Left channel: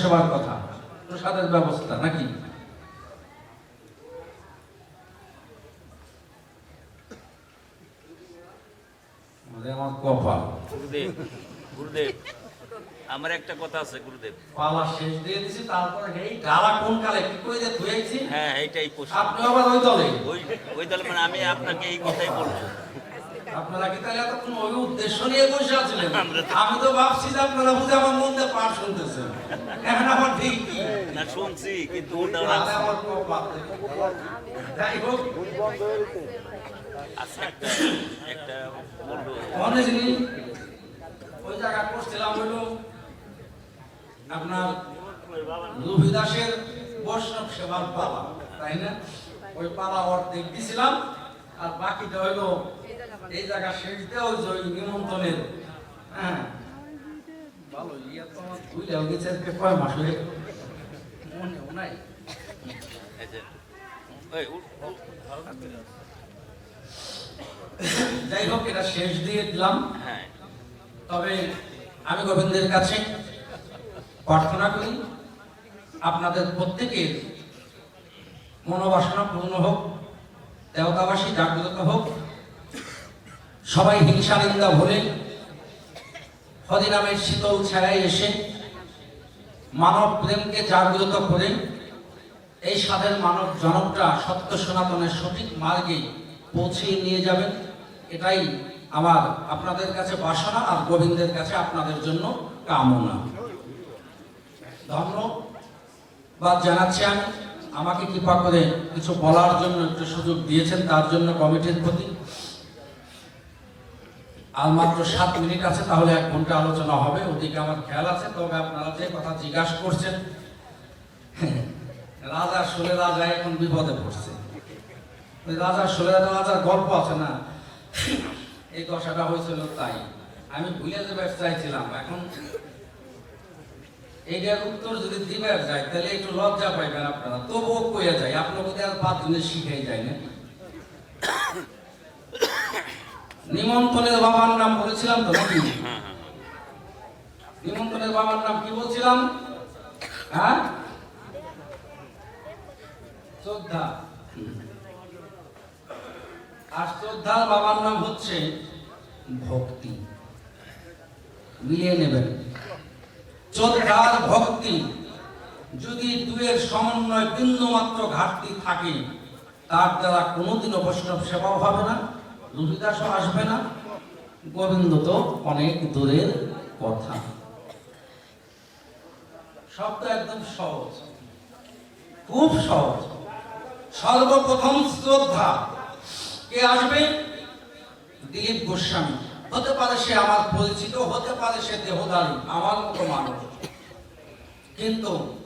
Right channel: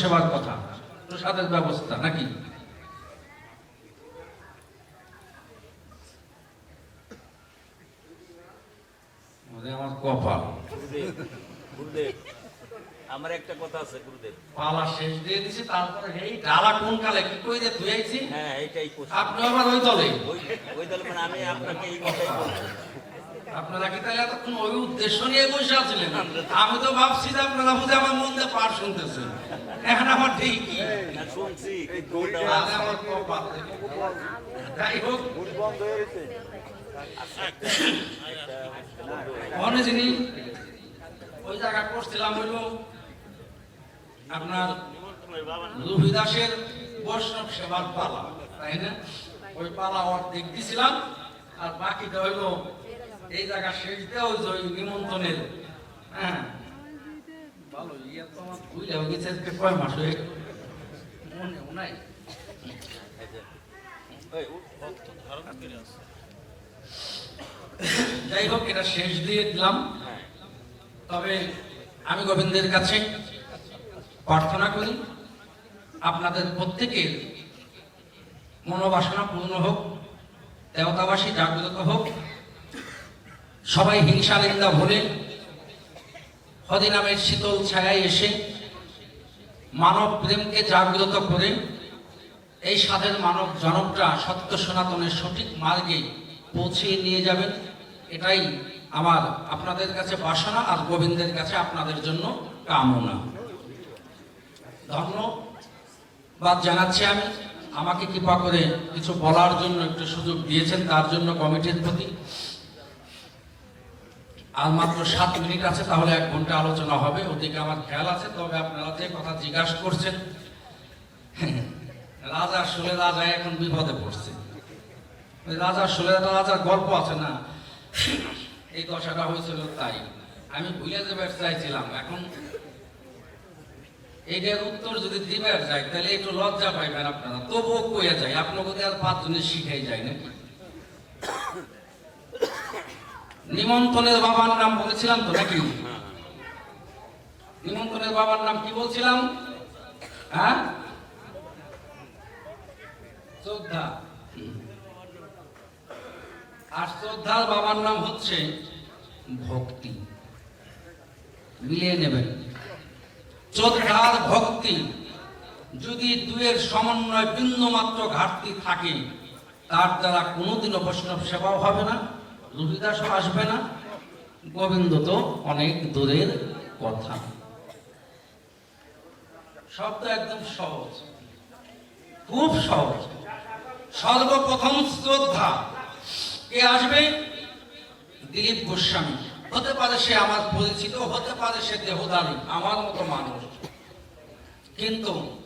সেবার কথা। প্রসাদের ব্যবস্থা নাকি? আমার কপাল। গুরুদেব আমার একটা কথা আছে গুরুদেব। পালা শেষ দিয়ে দিছি তারপরে এই ডালা কোন কালে কি করে যে ধুয়েছি হ্যাঁ এইটাই প্রশ্ন। আপনি আবার ওই দলে? ওই ওই দল মানে আমি আপনাকে এই কথাই বলব। আপনারা কি তাহলে এতক্ষণ ওই উদ্দেশ্য নিয়ে বসে আছিলেন? আমি তো ভাবছি যে আপনারা বুঝে আমার মন দিয়ে পাঠ শুনতেছেন। এখন আমার ঠিক কি? না শুনছি কিন্তু। যাই হোক একটা অনেক ওই জায়গা করছিলাম হইল আপনার রুহি দাসের বৈষ্ণব সেবার পালা তাই না? ওই পালা অর্ধেক দিছিলাম আর বাকিটা হইল এই জায়গা শেষ দেওয়া নিমন্ত্রণের। হ্যাঁ। ভালো ইয়ে তো আমার ভুলে। হয়ে গেছে আজকে কয় মাস হয়ে মনেও নাই। আসো। যাই হোক এটা শেষ দিয়ে দিলাম। হ্যাঁ। তবে আমি গোবিন্দের কাছে প্রার্থনা করি আপনাদের প্রত্যেকের মনোবাসনা পূর্ণ হোক দেবতাবাসী জাগ্রত হোক সবাই হিংসা নিন্দা ভুলে হরিনামের শীতল ছায়ায় এসে মানব প্রেমকে জাগ্রত করে এই সাধের মানব জনকটা সত্য সনাতনের সঠিক মার্গে পৌঁছিয়ে নিয়ে যাবেন এটাই আমার আপনাদের কাছে বাসনা আর গোবিন্দের কাছে আপনাদের জন্য কামনা। ধন্যবাদ জানাচ্ছি আমি। আমাকে কৃপা করে কিছু বলার জন্য একটু সুযোগ দিয়েছেন, তার জন্য কমিটির প্রতি। আর মাত্র সাত মিনিট আছে, তাহলে এক ঘণ্টা আলোচনা হবে। ওদিকে আমার খেয়াল আছে, তবে আপনারা যে কথা জিজ্ঞাসা করছেন, রাজা সোলে রাজা এখন বিপদে পড়ছে। রাজা সোলে রাজার গল্প আছে না? এই দশাটা হয়েছিল তাই। আমি ভুলে দেবার চাইছিলাম এখন এইটার উত্তর যদি দিবার যায়, তাহলে একটু লজ্জা পাইবেন আপনারা। তবুও কইয়া যায় আপনার মধ্যে আর পাঁচ জনের শিখাই যায় না নিমন্ত্রণের বাবার নাম বলেছিলাম তো নাকি? নিমন্ত্রণের বাবার নাম কি বলছিলাম? হ্যাঁ? শ্রদ্ধা। আর শ্রদ্ধার বাবার নাম হচ্ছে ভক্তি। মিলিয়ে নেবেন। শ্রদ্ধার ভক্তি যদি দুয়ের সমন্বয় বিন্দু মাত্র ঘাটতি থাকে, তার দ্বারা কোনোদিনও বৈষ্ণব সেবাও হবে না। রুহিদাসও আসবে না। গোবিন্দ তো অনেক দূরের কথা। শব্দ একদম সহজ। খুব সহজ। সর্বপ্রথম শ্রদ্ধা। কে আসবে? দিলীপ গোস্বামী। হতে পারে সে আমার পরিচিত, হতে পারে সে দেহদারী, আমার মতো মানুষ। কিন্তু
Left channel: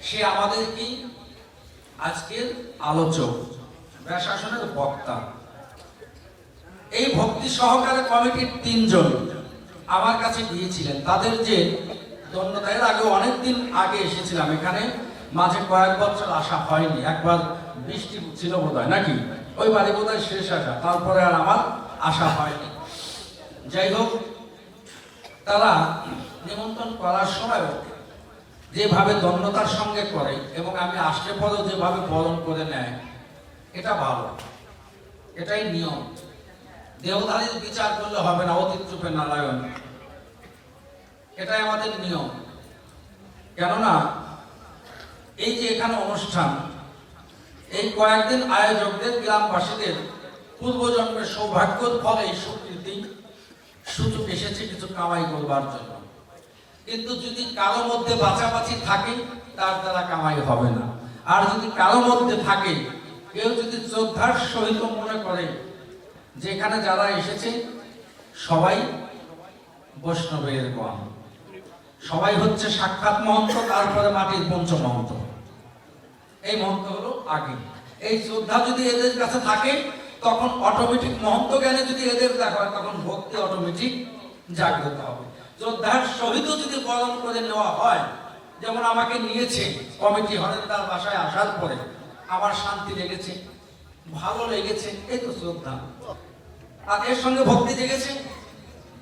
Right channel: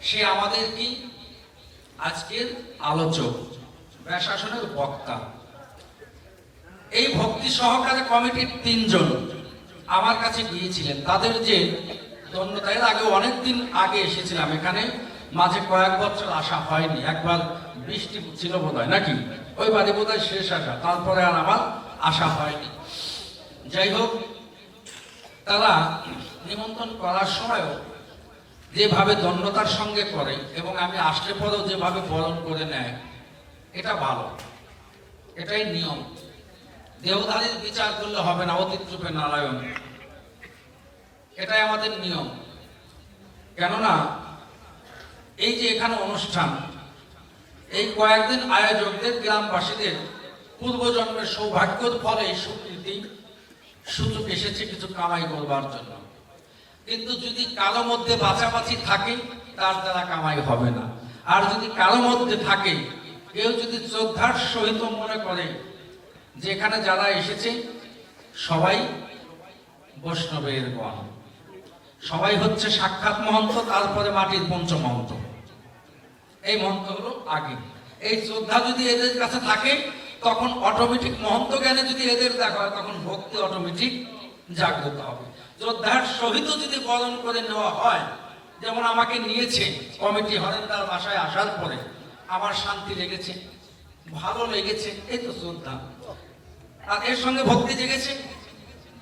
সে আমাদের কি? আজকের আলোচক ব্যাসাসনের বক্তা। এই ভক্তি সহকারে কমিটির তিনজন আমার কাছে গিয়েছিলেন। তাদের যে এর আগে অনেকদিন আগে এসেছিলাম এখানে। মাঝে কয়েক বছর আসা হয়নি। একবার বৃষ্টি ছিল বোধ হয় নাকি? ওই বাড়ি বোধ হয় শেষ আসা। তারপরে আর আমার আসা হয়নি। যাই হোক, তারা নিমন্ত্রণ করার সময়ও যেভাবে দণ্ডতার সঙ্গে করে এবং আমি আসলে পরেও যেভাবে বরণ করে নেয়, এটা ভালো। এটাই নিয়ম। দেহধারীর বিচার করলে হবে না, অতীত রূপে নারায়ণ। এটাই আমাদের নিয়ম। কেননা, এই যে এখানে অনুষ্ঠান, এই কয়েকদিন আয়োজকদের, গ্রামবাসীদের পূর্বজন্মের সৌভাগ্যের ফলে এই স্বীকৃতি সুযোগ এসেছে কিছু কামাই করবার জন্য। কিন্তু যদি কারও মধ্যে বাছাবাছি থাকে, তার দ্বারা কামাই হবে না। আর যদি কারও মধ্যে থাকে, কেউ যদি শ্রদ্ধার সহিত মনে করে যে এখানে যারা এসেছে, সবাই বৈষ্ণবের গণ। সবাই হচ্ছে সাক্ষাৎ মহন্ত, তারপরে মাটির পঞ্চমহন্ত এই মহন্ত হলো আগে। এই শ্রদ্ধা যদি এদের কাছে থাকে, তখন অটোমেটিক মহন্ত জ্ঞানে যদি এদের দেখা হয়, তখন ভক্তি অটোমেটিক জাগ্রত হবে। শ্রদ্ধার সহিত যদি বরণ করে নেওয়া হয়, যেমন আমাকে নিয়েছে, কমিটি হরেন্দার বাসায় আসার পরে, আমার শান্তি লেগেছে, ভালো লেগেছে, এই তো শ্রদ্ধা। আর এর সঙ্গে ভক্তি জেগেছে।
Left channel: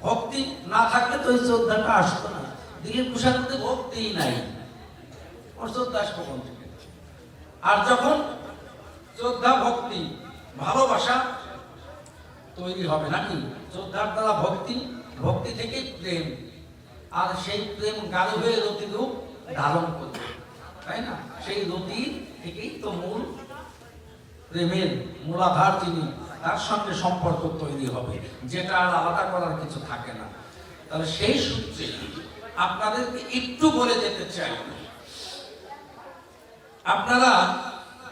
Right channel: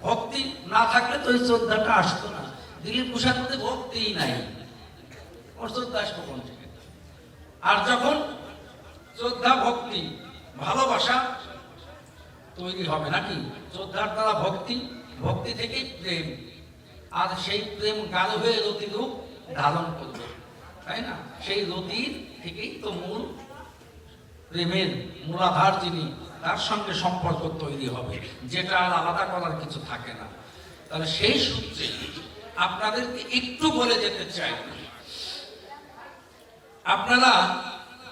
ভক্তি না থাকলে তো এই শ্রদ্ধাটা আসতো না। দিলীপ কুষার মধ্যে ভক্তিই নাই। শ্রদ্ধা আসব কোন থেকে আর যখন শ্রদ্ধা, ভক্তি, ভালোবাসা তৈরি হবে নাকি? শ্রদ্ধার দ্বারা ভক্তি ভক্তি থেকে প্রেম। আর সেই প্রেম গাঢ় হয়ে রতি রূপ ধারণ করবে। তাই না? সেই রতি থেকেই তো মূল প্রেমের মূলাধার যিনি তার সঙ্গে সম্পর্ক তৈরি হবে, যেটা আর আলাদা করার কিছু থাকে না। তাহলে সেই সূত্রে আপনাদেরকে একটু বলে যেতে চাই। আপনারা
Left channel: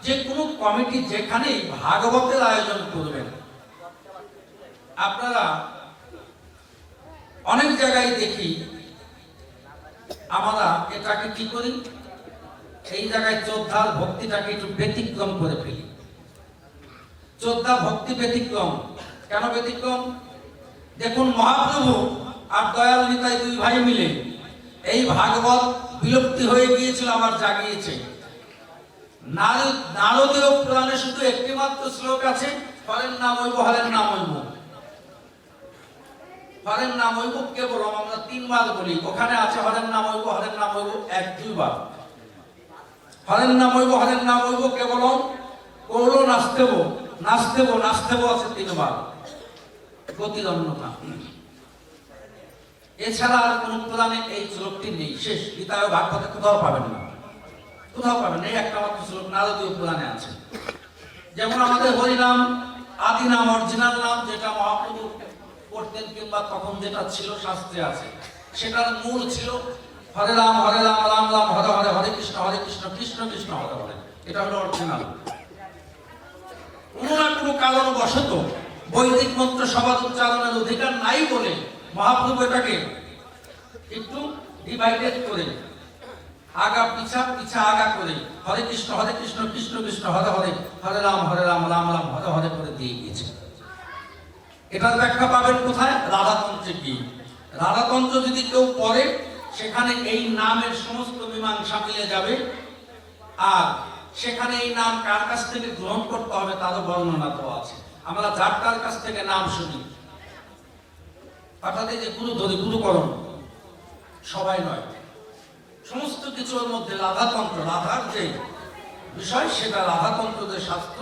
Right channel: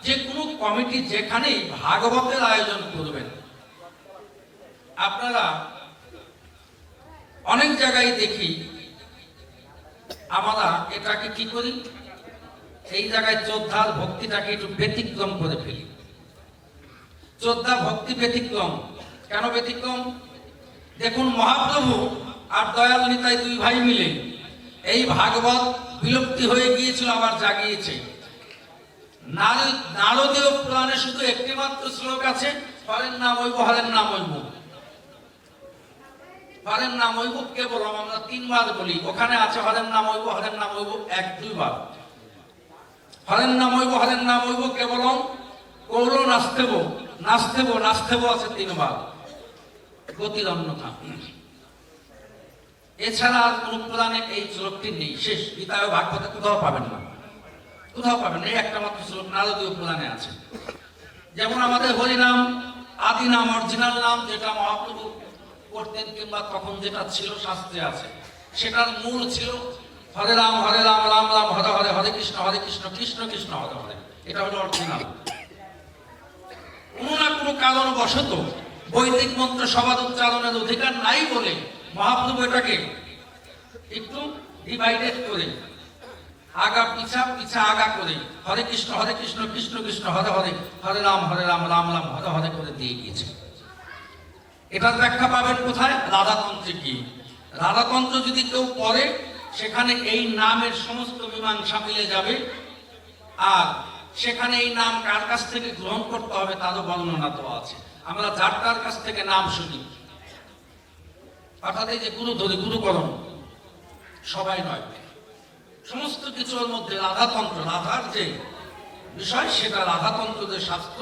যে কোনো কমিটি যেখানে ভাগবতের আয়োজন করবেন, আপনারা অনেক জায়গায় দেখি আমরা এটাকে কি করি? এই জায়গায় শ্রদ্ধার ভক্তিটাকে একটু ব্যতিক্রম করে ফেলি। শ্রদ্ধা ভক্তি ব্যতিক্রম। কেন ব্যতিক্রম? দেখুন মহাপ্রভু আর দয়াল নিতাই দুই ভাই মিলে এই ভাগবত বিলুপ্তি হয়ে গিয়েছিল, আমার জাগিয়েছে। নারদ- নারদীয় পুরাণে শুধু একটি মাত্র শ্লোক আছে হরের নাম হইব হরের নাম হইব। হরের নাম হইব কেবল আমরা তিনবার বলি। ওখানে আছে হরের নাম হইব হরের নাম হইব এক, দুইবার। হরের নাম হইব হরের নাম হইব কেবল কৌর নাচতেব নাচতেব নাচতেব আছে তিনবার। গতির অন্যতা এছাড়া আর কোন পুরাণে এই শ্লোকটি নেই। শেষ। গীতায় ভাগবতে কোথাও পাবেন না। কোথাও পাবেন। এই একটা মাত্র শ্লোক নারদীয় পুরাণে আছে। যেমন আমাদের হরিনাম, আদি নাম, অরিজিনাল নাম, যেটা মহাপ্রভু করতেন কিংবা তখন যেটা ছিল শাস্ত্রে আছে। সেটার মূল ছিল হরে রাম হরে রাম রাম রাম, হরে হরে হরে কৃষ্ণ হরে কৃষ্ণ কৃষ্ণ কৃষ্ণ, হরে হরে। এটা হলো অরিজিনাল। কারণ বশত বৈদিক মন্ত্র সবাদ উচ্চারণের অধিকার নাই বলে মহাপ্রভু এটাকে একটু ডিভাইডেড করে আগা পিছা পিছা আগা করে হরে কৃষ্ণ হরে কৃষ্ণ কৃষ্ণ কৃষ্ণ, হরে হরে হরে রাম হরে রাম রাম রাম, হরে হরে করে দিয়ে গিয়েছে। এটার ব্যাখ্যা পাবেন কোথায়? রাধাতন্ত্রে কি রাধাতন্ত্র যদি কেউ পড়ে, সেখানে এই নামের সমস্ত মীমাংসা মিলে যাবে। আর সেখানে এই নাম কার কাছ থেকে গ্রহণ করতে হবে তারও বর্ণনা তো আছে। আমরা যার তার কাছ থেকে নাম শুনি। অর্থাৎ যে গুরু ধরে গুরুকরণ, সবাই নয়। সমস্ত কিছুর মধ্যে রাধাতন্ত্র, রাধার যে বিষয় সেটা রাধাতন্ত্র যে শাস্ত্র,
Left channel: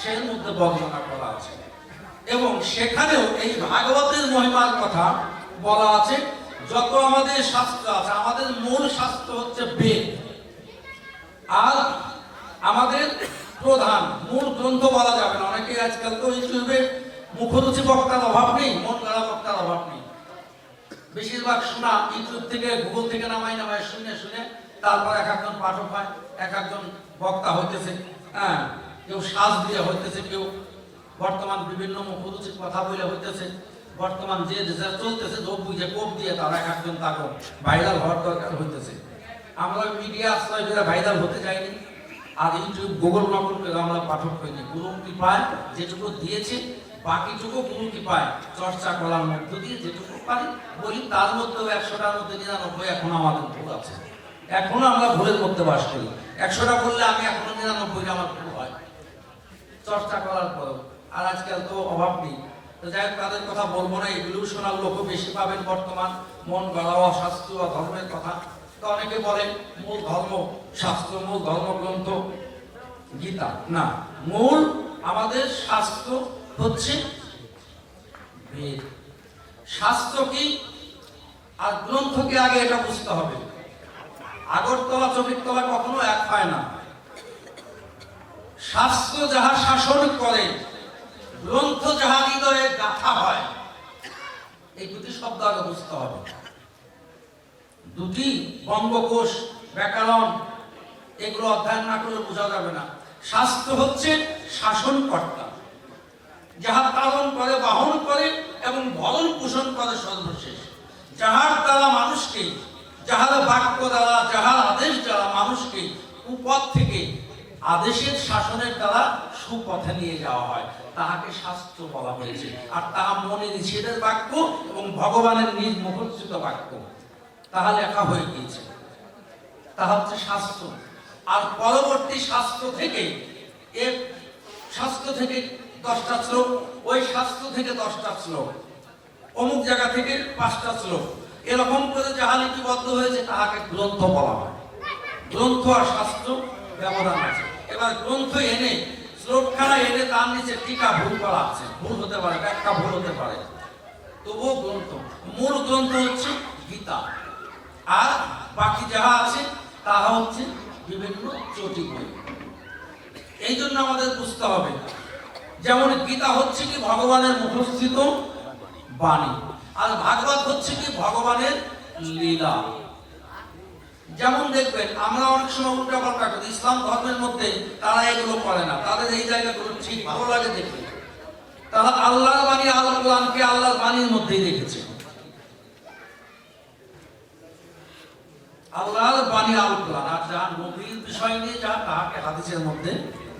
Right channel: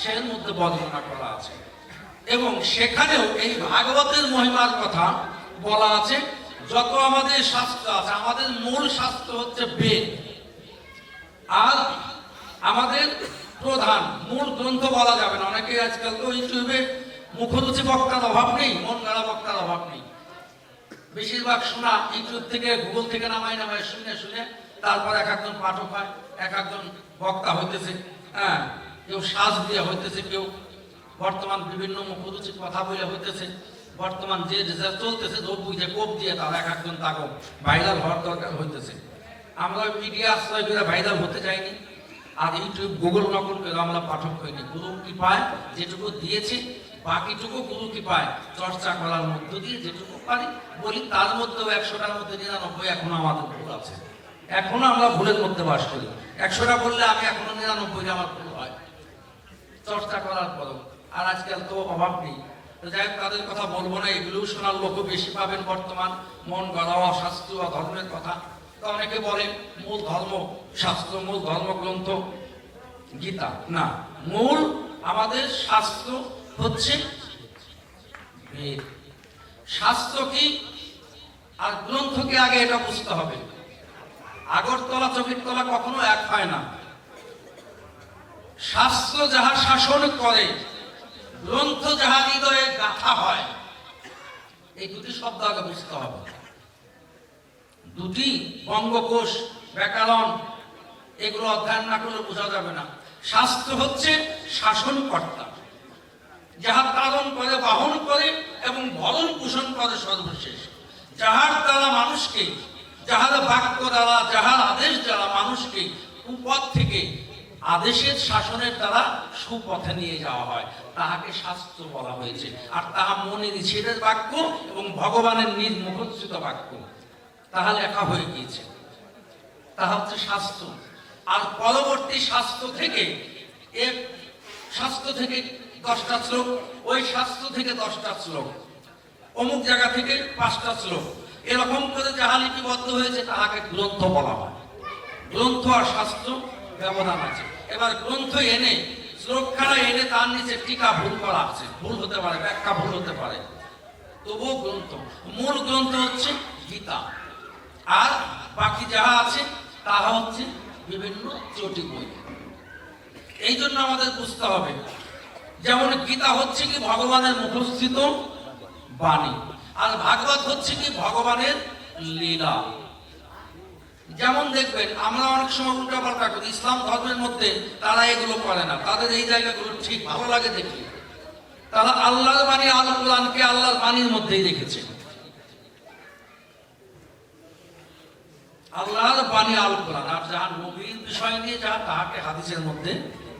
সের মধ্যে বর্ণনা করা আছে। এবং সেখানেও এই ভাগবতের মহিমার কথা বলা আছে, যত আমাদের শাস্ত্র আছে, আমাদের মূল শাস্ত্র হচ্ছে বেদ। আর আমাদের প্রধান, মূল গ্রন্থ বলা যাবে না। অনেকে আজকাল তো ইউটিউবে মুখরুচি বক্তার অভাব নেই, মন গড়া বক্তার অভাব নেই। বেশিরভাগ শোনা ইউটিউব থেকে, গুগল থেকে নামাই নামায় শুনে শুনে তারপর এক একজন পাঠক হয়, এক একজন বক্তা হইতেছে হ্যাঁ কেউ শ্বাস দিয়ে হইতেছে, কেউ বর্তমান বিভিন্ন মুখরুচির কথা বলে হইতেছে, বর্তমান যে যা চলতেছে লোক বুঝে কোপ দিয়ে তারা এক একজন তাকে ভাইরাল হওয়ার দরকার হইতেছে। আমরা মিডিয়া আশ্রয় করে ভাইরাল হতে চাইনি আর ইউটিউব, গুগল নকল করে আমরা পাঠক হইনি গুরু কৃপায় যেটুকু দিয়েছি, বাকিটুকু গুরু কৃপায় চর্চা করার মধ্য দিয়ে যেটুকু পারি, বলি তার মধ্যেও একশোটার মধ্যে নিরানব্বই এখনও আমাদের ভুল আছে। এখনও আমরা ভুলের মধ্যে বাস করি। একশোটা বললে আমি এখনও নিরানব্বই আমার ভুল হয়। চর্চা করার পরও। আর আজকাল তো অভাব নেই। যাই হোক, তাদের কথা বলব না, এগুলোও শোনার লোকও বেশি পাবেন বর্তমান। মন গড়াওয়া শাস্ত্রীয় ধর্মের কথা। তো অনেকে বলেন, মূল ধর্ম শাস্ত্র, মূল ধর্মগ্রন্থ গীতা। না, মূল আমাদের শাস্ত্র হচ্ছে বেদ। শাস্ত্র কি? আর গ্রন্থকে আগে এটা বুঝতে হবে? আগরতলা চবিরতলা কখনো এক হয় না। যাহা শাসন করে, গ্রন্থ যাহা হৃদয়ে গাথা হয়, এই দুটি শব্দ আগে বুঝতে হবে। দুটি বঙ্গকোষ, ব্যাকরণ, এগুলো অধ্যয়ন না করলে বোঝা যাবে না। শাস্ত্র হচ্ছে শাসনকর্তা। যাহা পালন করে, বাহন করে এবং ভরণ পোষণ করে সর্বশেষ। যাহার দ্বারা মানুষকে, যাহার বাক্য দ্বারা, যাহার আদেশ দ্বারা মানুষকে কুপথ থেকে আদেশের শাসনের দ্বারা সুপথে নিয়ে যাওয়া হয়, তাহাকে শাস্ত্র বলা হয়েছে। আর তাহা মনে নিষেধের বাক্য এবং ভগবানের নিজ মুখস্থিত বাক্য। তাহা লেখা হয়ে গিয়েছে। তাহা হচ্ছে শাস্ত্র। আর পরবর্তী স্বাস্থ্য থেকে এর স্বাস্থ্য থেকে দশটা শ্লোক, ওই স্বাস্থ্য থেকে দশটা শ্লোক, অমুক জায়গা থেকে পাঁচটা শ্লোক। এরকম করে যাহা লিপিবদ্ধ হয়েছে, তাহাকে গ্রন্থ বলা হয়। গ্রন্থ আর শাস্ত্র ব্যবধান আছে। এবার গ্রন্থ এনে শ্লোক শ্লোকখানা এনে তার নিচে টিকা ভুল করা আছে। ভুল হতে পারে, ব্যাখ্যা ভুল হতে পারে। তবুও গ্রন্থ। মূল গ্রন্থ হচ্ছে গীতা। আর বাকি যাহা আছে, তাহা হচ্ছে বিভিন্ন চটি বই এই জন্য আমাদের বুঝতে হবে, যেমন গীতা হচ্ছে কি ভগবানের মুখস্থিত বাণী, আর ভাগবত হচ্ছে কি ভগবানের লীলা। যেমন দেখবেন, আমরা অনেক সময় উল্টা পাল্টা করি ইসলাম ধর্মের মধ্যে তারা এগুলো করে না, তাদের এই জায়গাগুলো ঠিক ভালো লাগে দেখতে। তারা আল্লাহর বাণী আল কোরআনকে আল্লাহর বাণীর মধ্যেই রেখেছে আল্লাহর বাণী আর যা নবীর বিষয় নিয়ে যা, তাহাকে হাদিসের মধ্যে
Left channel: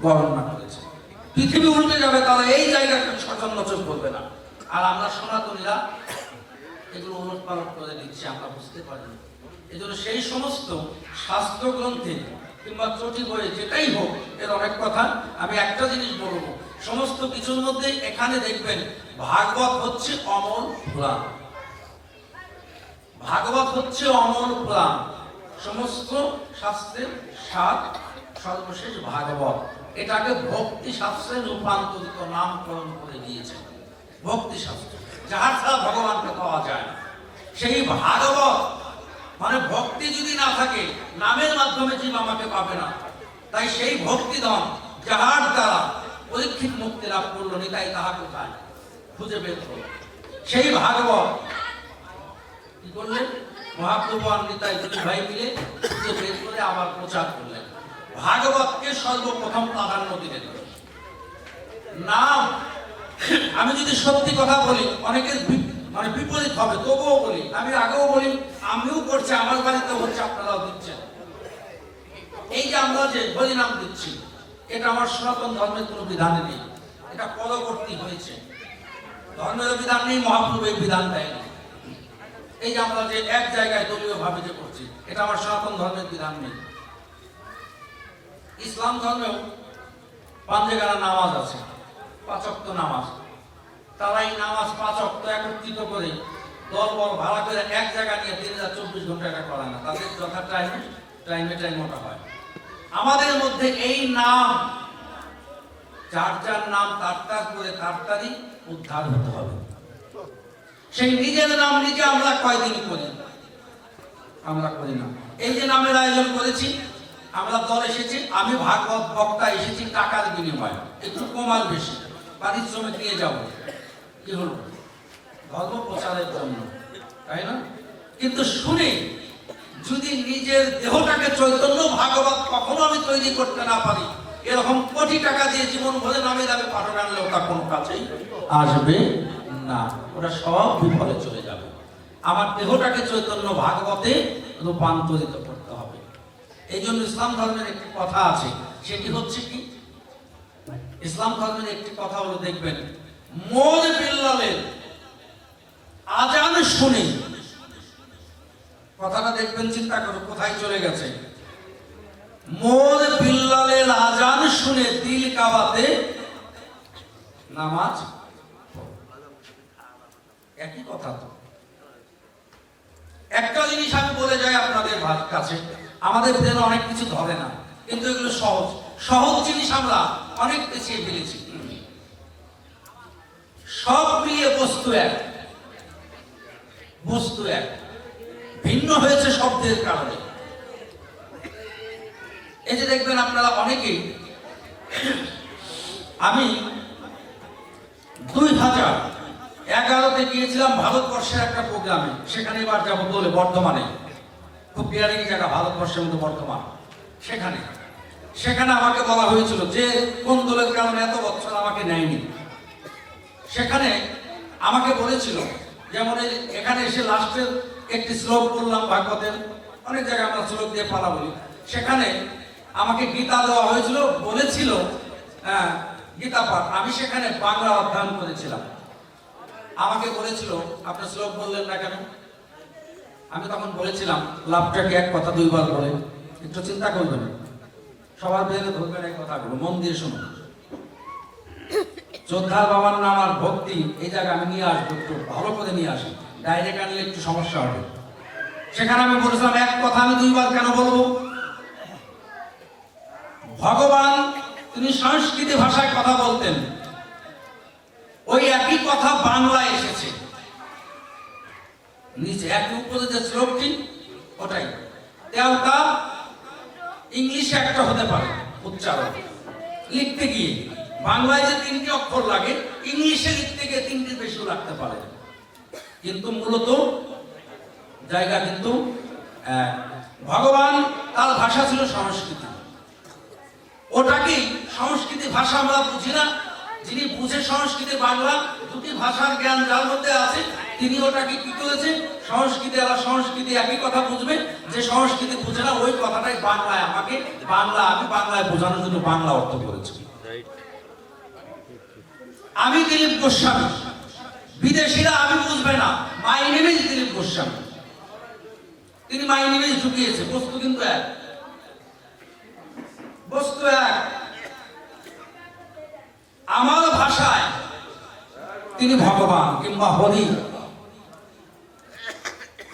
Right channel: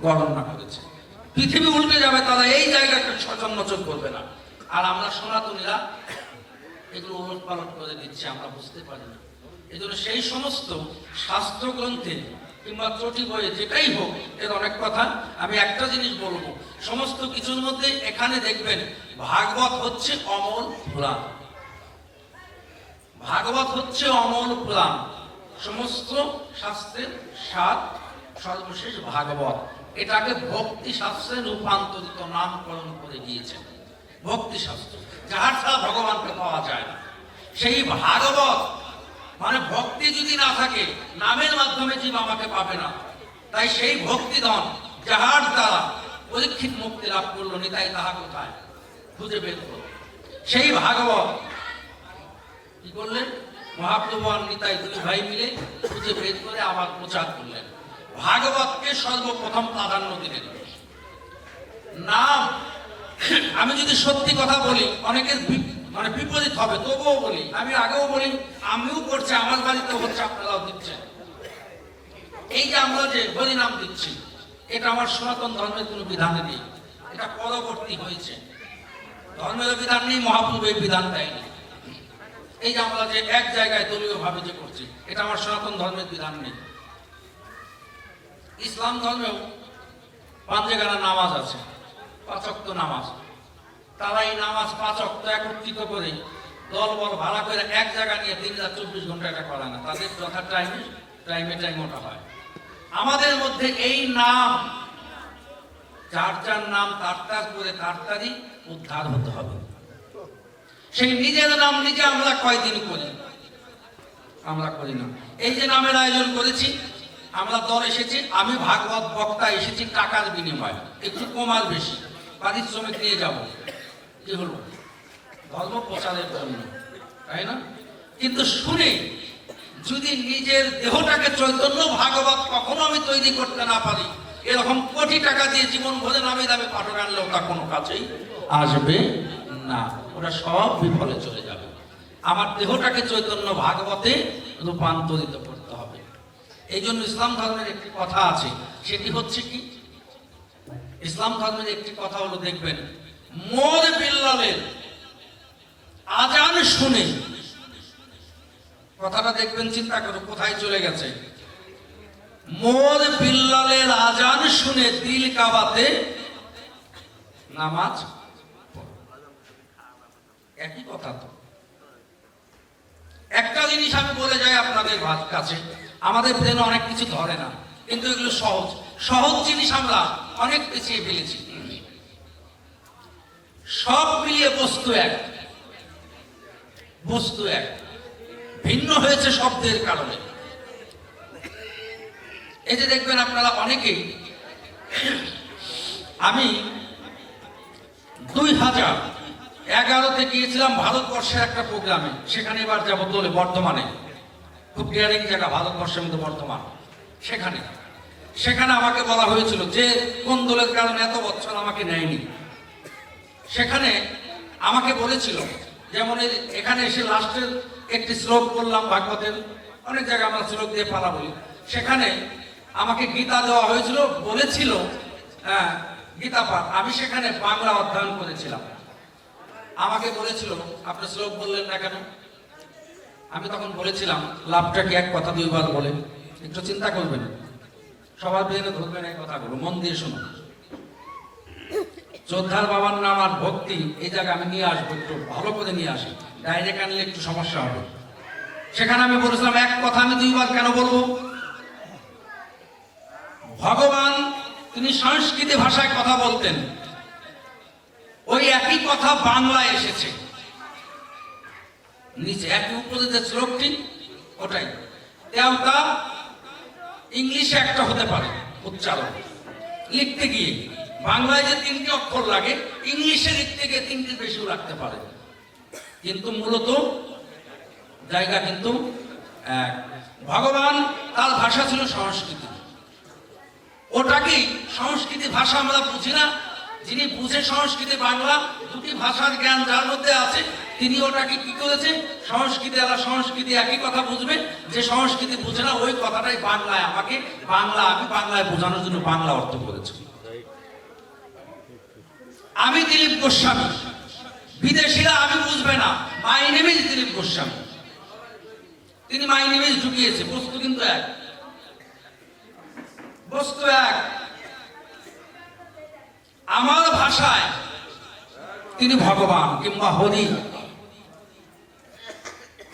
বর্ণনা করেছে। পৃথিবী উল্টে যাবে, তারা এই জায়গাটা করবে না। আর আমরা সনাতনীরা এগুলো ওলট পালট করে আমরা বুঝতে পারি না। এজন্য সেই সমস্ত শাস্ত্র গ্রন্থে কিংবা চটি বইয়ে যেটাই হোক, এর অনেক কথা আমি একটা জিনিস বলব। সমস্ত কিছুর মধ্যে এখানে দেখবেন, ভাগবত হচ্ছে অমল পুরাণ। ভাগবত হচ্ছে অমল পুরাণ। সমস্ত শাস্ত্রের সাত সর্বশেষ ভাগবত। এটাকে ভক্তি শাস্ত্রে রূপান্তরিত নামকরণ করে দিয়েছেন ভক্তি শাস্ত্র। যাহার ছাড়া ভগবানকে পাওয়া যায় না। সেই ভাগবত মানে ভক্তি যদি না থাকে, নামের মাধ্যমে জীব আমাকে পাবে না। তাই সেই ভক্তিদম যাহার দ্বারা পরীক্ষিত মুক্তি লাভ করল নিতাই তাহা কোথায় খুঁজে বের করল। সেই ভাগবত কি করলেন? মহাপ্রভু দুই ভাই মিলে খুঁজে বের করে আবার প্রচার করলেন। ভাগবতকে সর্বপ্রথম প্রাধান্য দিলেন। নাম, আমি যদি সত্যি কথা বলি অনেকের মানে বিপরীত হবে, তবুও বলি, আমি আগেও বলি, আমিও করছি, আমার বাড়িতে হচ্ছে, আপনারাও দিচ্ছেন। এই যে আমরা যে হরি নাম দিচ্ছি, এটা আমার সনাতন ধর্মের কোনো বিধান নেই, এটা পরবর্তী হয়েছে। ধর্মের বিধান নেই মহাপ্রভু এই বিধান দেয়নি। এই যে আমরা যে এক জায়গায় দলীয় ভাবে যে করছি, এটা আমার সনাতন ধর্মের বিধান নেই। ইসলাম ধর্মেও পাঁচে গেলা নামাজ আছে পাঁচক্ত নামাজ। তারা এই নামাজ পাঁচক্ত একত্রিত করে দল বল ভাড়া করে এক জায়গা নিয়ে তিন হাজার চব্বিশ ঘণ্টা এটা করে না, তাদের যথা টাইম টাইমে টাইম ওটা হয়। আমাদের মধ্যে এই নাম, যার যার নাম, তার তার করে তার তারই উদ্ধার হতে হবে। সেই নিজের নাম নিজে আমরা কয়দিন করি? আমরা করি না। এই যে নামের আয়োজন করেছি, আমরা দল এসেছি, আমি ভাগবত বক্তা এসেছি টাকার বিনিময়ে। একটু কমার বেশি। পারিশ্রমিক নিয়ে যাব। কি হলো? ধর্ম প্রচারের জন্য, তাই না? কিন্তু শুনে, যদি নিজের দেহটাকে চৈতন্য ভাগবত কখনো আমি তৈরি করতে না পারি, এরকম কোটি টাকা দিয়ে জীবন ভরে নামে দামে পাঠক আনলে ওটা কোনো কাছেই আসবে না, ওরা সব বিফলে চলে যাবে। আমার দেহটাকে চৈতন্য ভাগবতে রূপান্তরিত করতে হবে। এই জন্য ইসলাম ধর্মের একটি কথা আছে, সেটি হচ্ছে কি? ইসলাম ধর্মের একটি কথা হলো, দেখবেন মোর বিল্লালের আজান শুনে। কথাটা দেখবেন, চিন্তা করো কোথায় চলে গেছে? মোর বিল্লালের আজান শুনে দিল কাবাতে নামাজ। একই কথা তো। একটা জিনিস আমি বলে যাই আপনাদের কাছে, আমাদের ব্রেন অনেক কিছু ধরে না, কিন্তু এগুলো সহজ। সহজ জিনিস আমরা অনেক পেছিয়ে ফেলেছি। সব মিলিয়ে বস্তু এক। বস্তু এক। ভিন্ন হয়েছে শব্দের কারণে। এই যে দেখবেন আপনারা অনেকেই, আমি দুই হাজার এগারোতে গিয়েছিলাম ভারতবর্ষের একটা প্রোগ্রামে। সেখানে এবার যাব বলে বর্ধমানে। খুব ডিয়ারিং জায়গা, ভারতবর্ষের মধ্যে বর্ধমান। সেখানে। সেখানে আমাকে বলা হয়েছিল যে, কোন দলের কারণে এত বছর আমাকে নেয়নি? সেখানে আমাকে বলেছিল, যেমন এখানে এসে লাস্টের একটি শ্লোক করলাম ভাগবতের, অনেক জায়গায় আমরা শ্লোক দিয়ে পালা বলি। সেখানে আমাকে গীতা দেওয়া হয়েছিল, বলেছিল হ্যাঁ গীতা পাঠ আমি সেখানে বাংলা অধ্যয়ন করেছিলাম। আমাকে বলেছিল, আপনার শ্লোক বললেন না কেন? আমি তখন বলেছিলাম, লাভটাকে এক কথা দুইবার বলেন। একটু চিন্তা করবেন। সবার বেড়ে ধরবেন এক কথাগুলো, মন দিয়ে শুনুন। যোদ্ধার বাবার নাম আর ভক্তি, এই জায়গায় আমি নিয়ে আসব, একটু ভালো করে নিয়ে আসি ডাইরেক্ট আনলে একটু সমস্যা হবে। সেখানে আমি বলেছিলাম, এক কথা আমি দুইবার কেন বলব? ভগবান তিনি সংস্কৃত ভাষায় কথা বলতেন। ওই একই কথা বাংলায় এসেছে। নিচে একই উপরে যে শ্লোকটি ওটাই। তেমনটা ইংলিশে একটা হতে পারে, উচ্চারণ। লিখতে গিয়ে, বাংলায় যে তিনটি অক্ষর লাগে, ইংলিশে লিখতে গিয়ে তিনটি বেশিও লাগতে পারে। কিন্তু মূলত জায়গা কিন্তু। ভগবান তার ভাষা ছিল সংস্কৃতি। ওটাকে সংস্কৃতি ভাষা আমরা বুঝি না যিনি বুঝে সংস্কৃতি বাংলা দুটি ভাষার জ্ঞান যার মধ্যে আছে, তিনি ওটাকে কি করেছে সংস্কৃতি আর সংস্কৃতি একই কথা বুঝবে, যে সংস্কৃতি বুঝে না, ওই কথাটাই বাংলায় আমাকে, বাংলা আমি বাংলায় বোঝানোর জন্য বাংলা অর্থ করেছি। আমি দিলীপ গোস্বামী। বিদেশিরা আমি বুঝবে না, my name is Dilip Goswami. তিনি মাই নেম ইজ ঢুকিয়েছে, বস্তু কিন্তু এক। বস্তু এক। আমার ভাষায় তিনি ভগবান কিংবা হরি।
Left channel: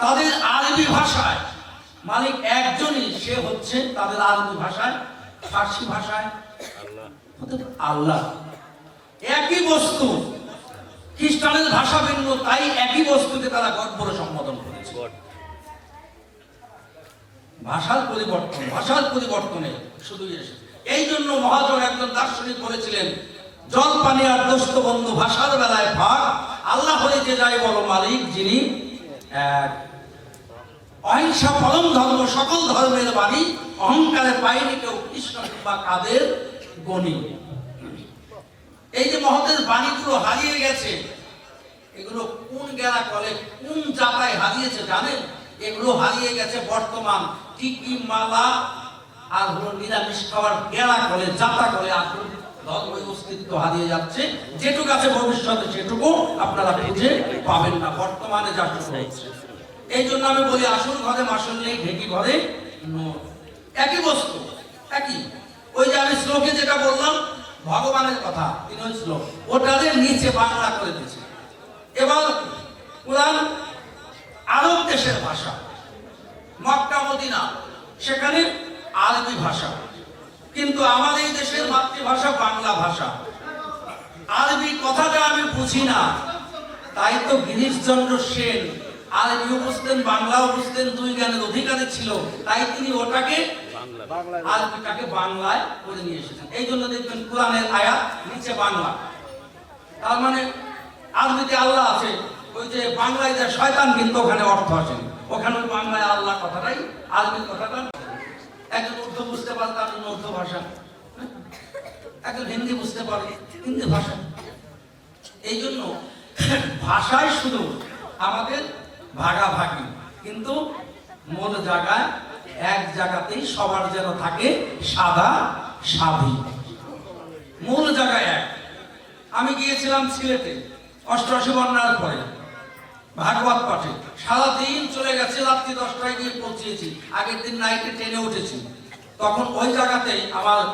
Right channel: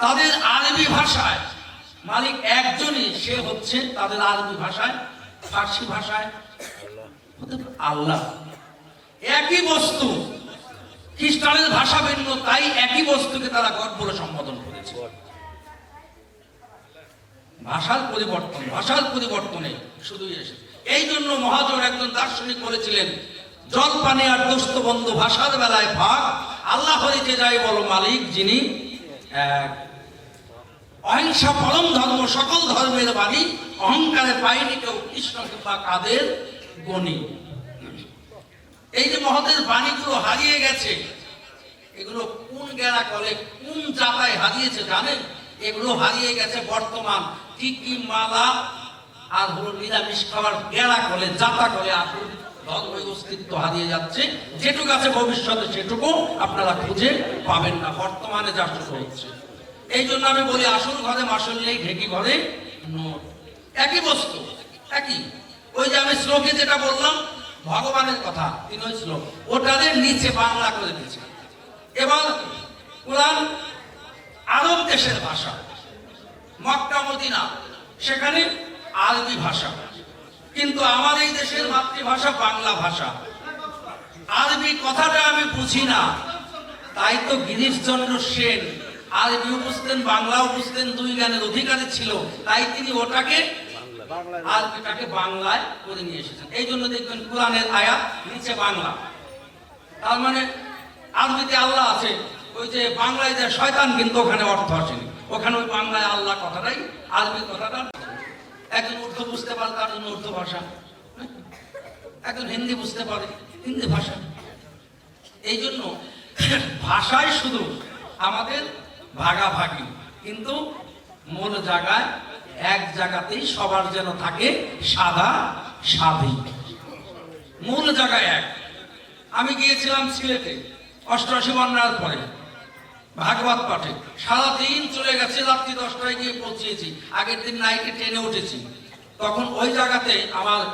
তাদের আরবি ভাষায় মালিক একজনই, সে হচ্ছে তাদের আরবি ভাষায়, ফার্সি ভাষায়। আল্লাহ। একই বস্তু, খ্রিস্টানের ভাষা ভিন্ন, তাই একই বস্তুকে তারা গড সম্বোধন করেছে। ভাষার পরিবর্তন, ভাষার পরিবর্তনে শুধু এই জন্য মহাজন একজন দার্শনিক বলেছিলেন জল পানি আর দোস্ত বন্ধু ভাষার বেলায় ভাগ। আল্লাহ হয়ে যে যাই বলো মালিক, যিনি অহিংসা পরম ধর্ম, সকল ধর্মের বাড়ি অহংকারে পাইনি কেউ কৃষ্ণ কিংবা কাদের গণি। এই যে মহতের বাণীগুলো হারিয়ে গেছে, এগুলো কোন গেরা কলে, কোন জাতায় হারিয়েছে জানেন? এগুলো হারিয়ে গেছে বর্তমান টিকি মালা, আর হলো নিরামিষ খাওয়ার গেরা কলে, জাতা কলে আসল অস্তিত্ব হারিয়ে যাচ্ছে ভবিষ্যতে আপনারা পাবেন না। বর্তমানে এই জন্য আমি বলি, আসল ঘরে নেই ঘরে। একই বস্তু, একই। ওই যেটা বললাম, ভগবানের কথা, তিনি ওই ওটাদের নিচে বাংলা করে দিয়েছে। এবার কোরআন আরব দেশের ভাষা, মক্কা, মদিনা, সেখানে আরবি ভাষা। কিন্তু এই দেশের মাতৃভাষা বাংলা ভাষা। আরবি কথাটা আমি বুঝি না। তাই তো গিরিশচন্দ্র সেন আরবিও বুঝতেন বাংলাও বুঝতেন দুই জ্ঞানের অধিকারী ছিল। তাই তিনি ওটাকে আরবিটাকে বাংলায় করে নিয়ে এসেছেন। এই জন্য দেখবেন কোরআনের আয়াত নিচে বাংলা। তার মানে আরবিতে আল্লাহ আছে। ওই যে বাংলায় যে শয়তান, কিন্তু ওখানে অর্থ আছে। ওখানে বাংলায় আল্লাহ কথাটাই, আরবির কথাটা একজন উর্দু বুঝতে পারে তার জন্য উর্দু ভাষা। একজন হিন্দি বুঝতে পারে, হিন্দি ভাষা। এই জন্য ভাষায় শুধু আমাদের ভাগাভাগি, কিন্তু মূল জায়গায় এক জায়গাতেই সবার যেন থাকে সাদা সাধি। মূল জায়গায় এক। আমি গিয়েছিলাম সিলেটে অষ্টআশি বন্যার পরে। ভাগবত পাঠে সারাদিন চলে গেছে, রাত্রি দশটায় গিয়ে পৌঁছেছি, আগের দিন নাইটে ট্রেনে উঠেছি। তখন ওই জায়গাতেই আমার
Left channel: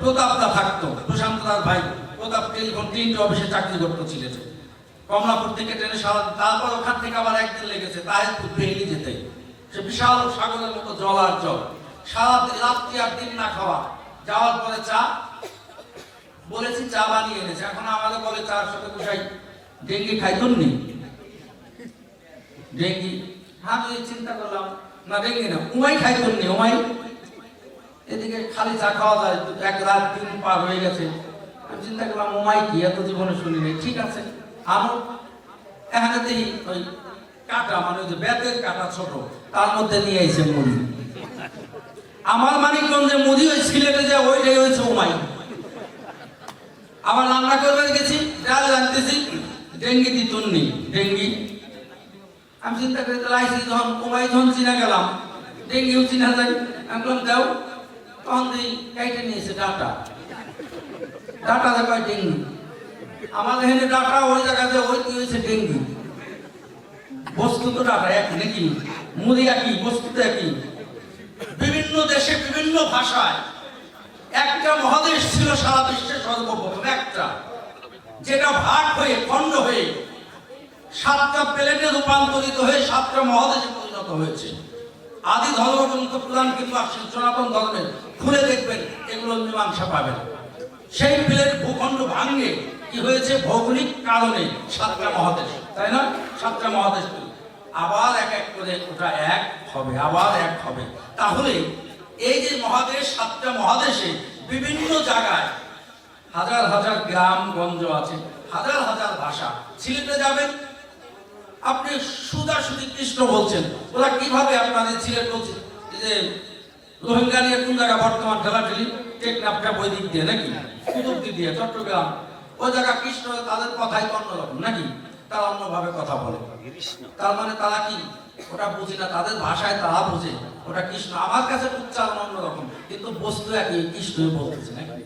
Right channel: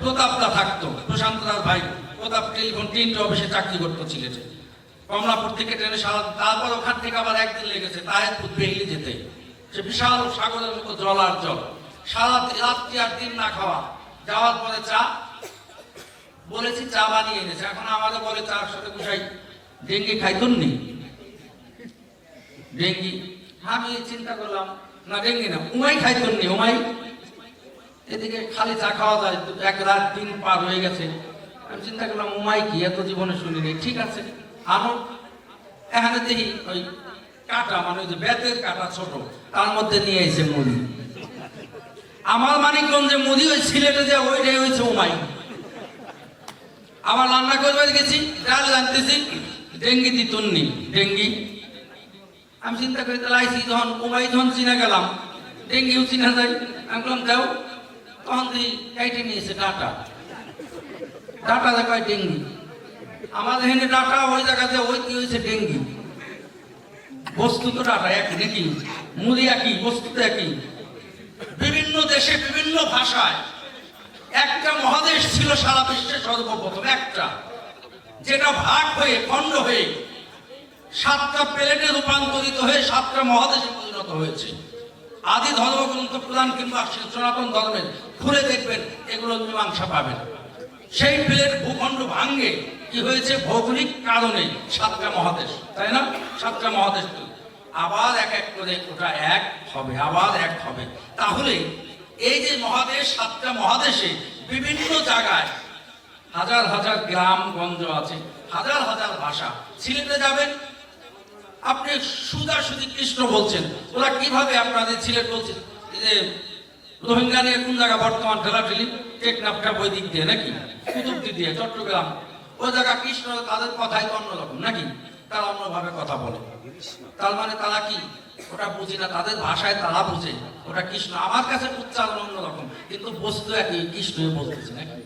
প্রতাপদা থাকতো, প্রশান্ত দাস ভাই। প্রতাপ টেলিফোন তিনটে অফিসে চাকরি করতো সিলেটে কমলাপুর থেকে ট্রেনে সারা তারপর ওখান থেকে আবার একদিন লেগেছে, তাহিরপুর বেরিয়ে যেতে। সে বিশাল সাগরের মতো জল আর জল। সারা রাত্রি আর দিন না খাওয়া। যাওয়ার পরে চা, বলেছি চা বানিয়ে এনেছে। এখন আমাদের বলে চার সাথে কুসাই ডেঙ্গি খাইতুন নি? ডেঙ্গি আমি চিন্তা করলাম, না ডেঙ্গি না, উমাই খাইতুন নি, উমাই? এদিকে খালি চা খাওয়া যায়, এক রাত দিন পার হয়ে গেছে। আমি চিন্তা করলাম, উমাই কি, এত জীবনে শুনিনি ঠিক আছে আমার এখানে দেখি ওই কাটা মানে ওই যে বেতের কাটা ছোট, তার মধ্যে নিয়ে এসে মুড়ি। আমার মানিকগঞ্জে মুড়ি ওই সিলেটে যে ওইটাই হয়েছে উমাই। আবার রান্না করবে গেছি, ডাল জানতেছি ডেঙ্গি দিতুন নি ডেঙ্গি। আমি চিন্তা করে আইসি যখন উমাই, যখন চিনা গেলাম, ডেঙ্গিও চিনা যায়। আমি বললাম, দাও। তখন দিই কাইটে নিয়েছে ডাটা। ডাটা দেখায় ডেঙ্গি। আমাদের এখানে ডাটা ওই জায়গাতে ওই কি হয়েছে, ডেঙ্গি। বস্তু তো ডাটা একই নাকি? মুড়ি একই, বস্তু তো একই। বিভিন্ন দেশে বিভিন্ন ভাষায় একটা মহাদেশ ছিল সারা বিশ্বে সর্বপ্রথম, একটা। যেটা ভাগ হয়ে, খণ্ড হয়ে সাতটা প্লেটে রূপান্তরিত হয়ে সাতটা মহাদেশে পরিণত হয়েছে। আদি ধর্মগ্রন্থ, পুরাণ কিংবা সনাতন ধর্মের খুলে দেখবেন, এগুলো মীমাংসা পাবেন। সেই প্লেট ভূখণ্ড ভাঙ্গে কি হয়েছে? ভৌগোলিক কারণে সাতটা মহাদেশ। তাই না? সাতটা মহাদেশ আবার এক এক করে ওটা এক হবে, আবার এক হবে। তাহলে এই যে মহাদেশ সাতটা মহাদেশে বিভিন্ন জায়গায় হাজার হাজার গ্রাম গঞ্জ আছে, হাজার হাজার ভাষা। সিলেটে যাবেন আপনি সুদাসুদি কৃষ্ণ বলছেন। ওরা কীভাবে আপনাদের সিলেট বলছে? এই যে রোহিঙ্গা নিয়ে কোন জায়গা বর্তমান ঠেলাঠেলি টেকনাফটা ওই দিক দিয়ে নাকি? কুতুব দিয়ে, চট্টগ্রাম। ওই জায়গা কৃষ্ণ, তাদের কথাই অন্যরকম নাকি? তারা অন্যভাবে কথা বলে। তার মানে তারা কি? ওটা বুঝি না, তাদের ভাষায় তারা বুঝে। ওটা কৃষ্ণ। আমার কাছে উচ্চারণ অন্যরকম, কিন্তু বস্তু একই, কৃষ্ণ বলতেছে নাকি?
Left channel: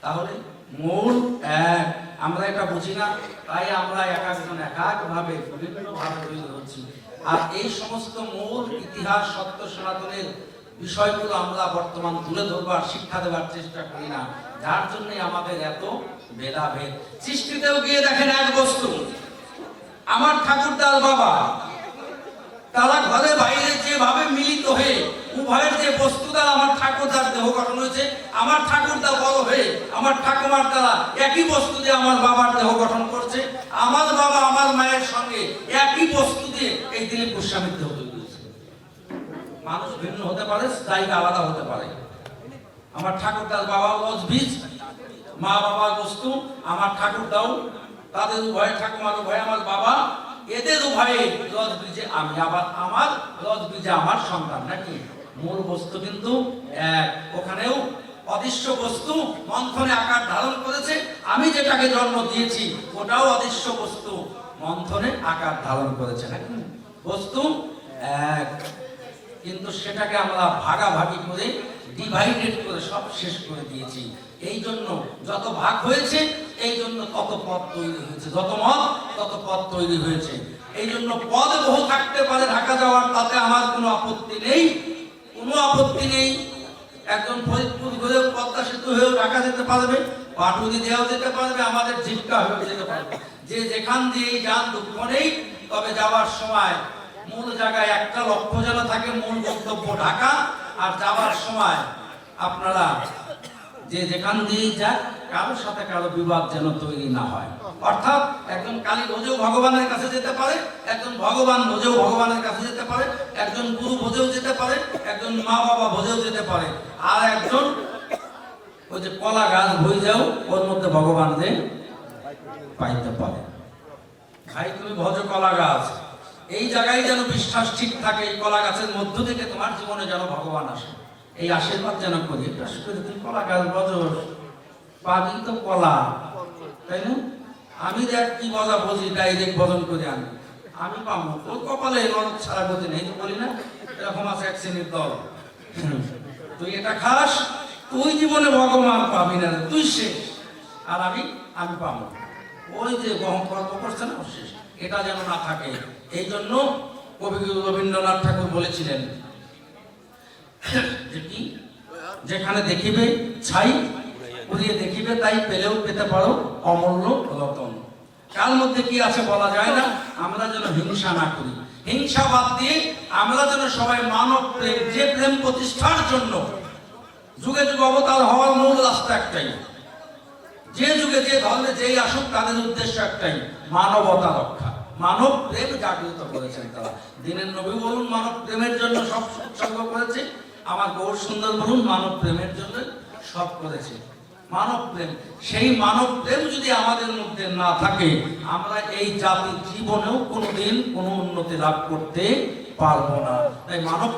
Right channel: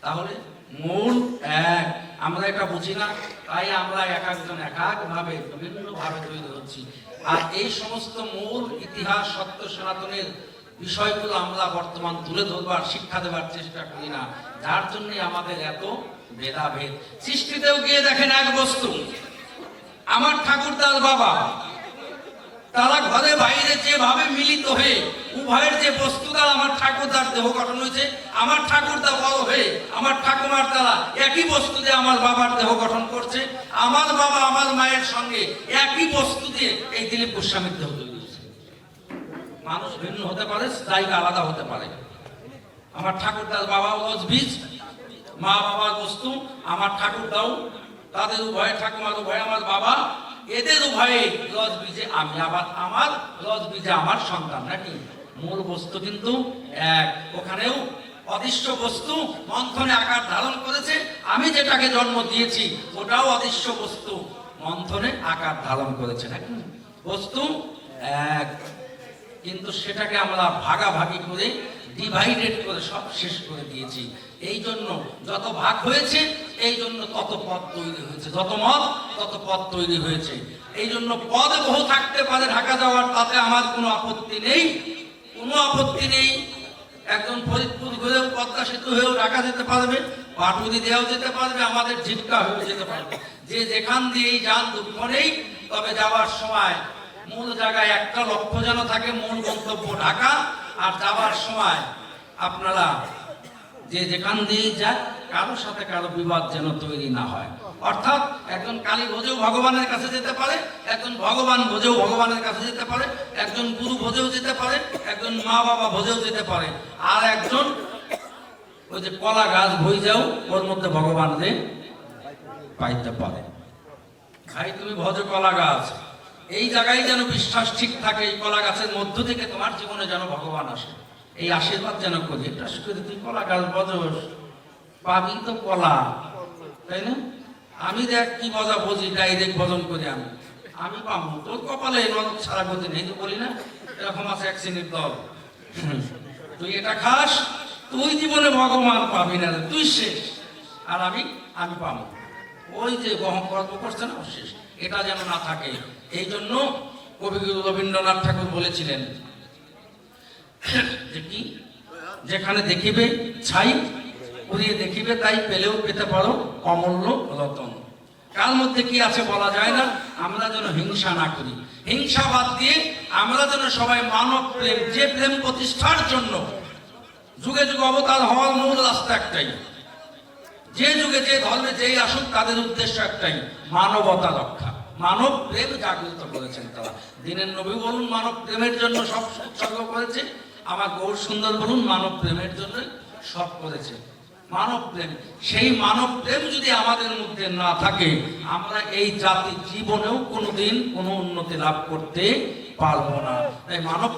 তাহলে মূল এক। আমরা এটা বুঝি না তাই আমরা এক একজন এক বিভিন্ন ভাবে তৈরি হচ্ছি। আর এই সমস্ত মূল ইতিহাস, সত্য, সনাতনের বিষয়গুলো আমরা বর্তমান তুলে ধরবার, শিক্ষা দেওয়ার চেষ্টা করি না। যার জন্য আমাদের এত ভেদাভেদ। সৃষ্টিতেও গিয়ে দেখেন এক বস্তু, আমার ঠাকুরদার বাবা, তারা ঘরে বাইরে যেভাবে মিলিত হয়ে, উভয়ের যে বস্তু দ্বারা আমার ঠাকুরদার দেহ গঠন হয়েছে, আমার ঠাকুরদা বড় হয়ে আমার ঠাকুমার দ্বারা একই বস্তু দিয়ে আমার বাবার দেহ গঠন করছে, আমার বাবা আমার মায়ের সঙ্গে একই বস্তু দিয়ে এই দিলীপ গোস্বামীর দেহ মানুষ ভিন্ন হতে পারে, জায়গা আলাদা হতে পারে। আমার ঠাকুরদার বাবা বীজ মা বাবার বস্তু, আমার ঠাকুরদাও, তাদের উভয় ঠাকুমার উভয় আমার বাবা, এদের উভয়ে লজ বীজে আমি আবার, আমার লজ বীজে আমার সন্তান, নাকি? মূল বস্তু কিন্তু এক ওখানেও অদৃশ্য বস্তু মন্থনে আকার ধারণ করেছে। আমি যেটাকে জন্ম দিয়েছি, ওটাও অদৃশ্য বস্তু মন্থনে আকার ধারণ করেছে বস্তু এক কিন্তু সেটাকে আমরা ভাগাভাগি করে ডিভাইডেড করে সব শেষ করে দিয়েছি। এই জন্য যত ভাগ হয়েছে, এই জন্য তত পদ তৈরি হয়েছে। যত মত তত পদ তৈরি হয়েছে। এই জন্য পদ বহু থাকতে পারে, ঢাকা যাওয়ার তাতে আমার কোনো আপত্তি নেই। কোনো আপত্তি নেই। একজন ফরিদপুর হয়েও পদ্মা সেতু হয়েও ঢাকা যেতে পারবে পাটুরি দিয়েও যেতে পারবে, আমাদের ঝিটকা হয়েও যেতে পারবে। যে যেখান দিয়েই যান দুঃখ তবে যাওয়ার সময় মূল জায়গায় একটা লক্ষ্য যেন থাকে, মূল গন্তব্য ঢাকা। আর যাওয়ার সময় আপনারা যে যেখান দিয়ে যাক কারোর সাথে কারও বিবাদ যেন তৈরি না হয়। অর্থাৎ একজন কালী ভোজেও ভগবানের কাছে যেতে পারে, একজন ভগবান ভোজেও ভগবানের কাছে যেতে পারে, একজন গুরু ভোজেও যেতে পারে, একজন মা বাবা ভোজেও যেতে পারে। আর একজন ওই যে কলা গাছ যাও ওর মধ্যে ভগবান যে পাইতে পারে। ভাই, তুমি ভজ কলা গাছ। এই জায়গায় যেন বিশ্বাস ঠিক থাকে, এই কলা গাছের মধ্য থেকে তোমার জীবনে যেন ভগবান আসে। এই আশীর্বাদ যেন করি শুধু তুমি কলা গাছ বজ পাবি তো কলা, তাই না? আমি দেখ কি মজা বুঝি ডাইরেক্ট বদল করে আনি আমি পাবো। তোর কপালে নরক ছাড়া গতি নেই তো বলি না, এরকম আছে এক শ্রেণির দল। তুই এটা খাস, তুই জীবনে ভগবান পাবি না তুই শেষ। আর আমি আমি পাবো। ওই যে গহম গল্প করছে না শেষ। এটা যেন না থাকে। এই জন্য কবিগুরু রবীন্দ্রনাথ ঠাকুর বলেছিলেন যে কি? যেখানে দেখিবে ছাই উড়িয়ে দেখিবে, তাই পেলেও পেতে পারো অমূল্য রতন। কার মধ্যে কি আছে বলা যায় না? আমরা যেন হিংসা না করি। হিংসা বাদ দিয়ে আমরা যেন সবাই মানব প্রেম, যে প্রেম প্রতিষ্ঠার জন্য যুগে যুগে অবতার হওয়ার মূল রাস্তা একটাই। যে যুগে যে ধর্মে যেই আসুক, তাদের উদ্দেশ্য একটাই, মানবতা রক্ষা। মানব প্রেম জাগ্রত করেছেন তারা। দিনের নবী বলুন, মানব প্রেমের জন্য সব উৎসর্গ করেছে। আমার গৌর সুন্দর বলুন, মানব প্রেমের জন্য সব করেছে। মানব প্রেম। সেই মানব প্রেম যদি আমাদের মধ্যে না থাকে, আমরা এই জাতির জীবনেও কোনোদিন কোনো উন্নতি লাভ করতে পারব না। তাই মানব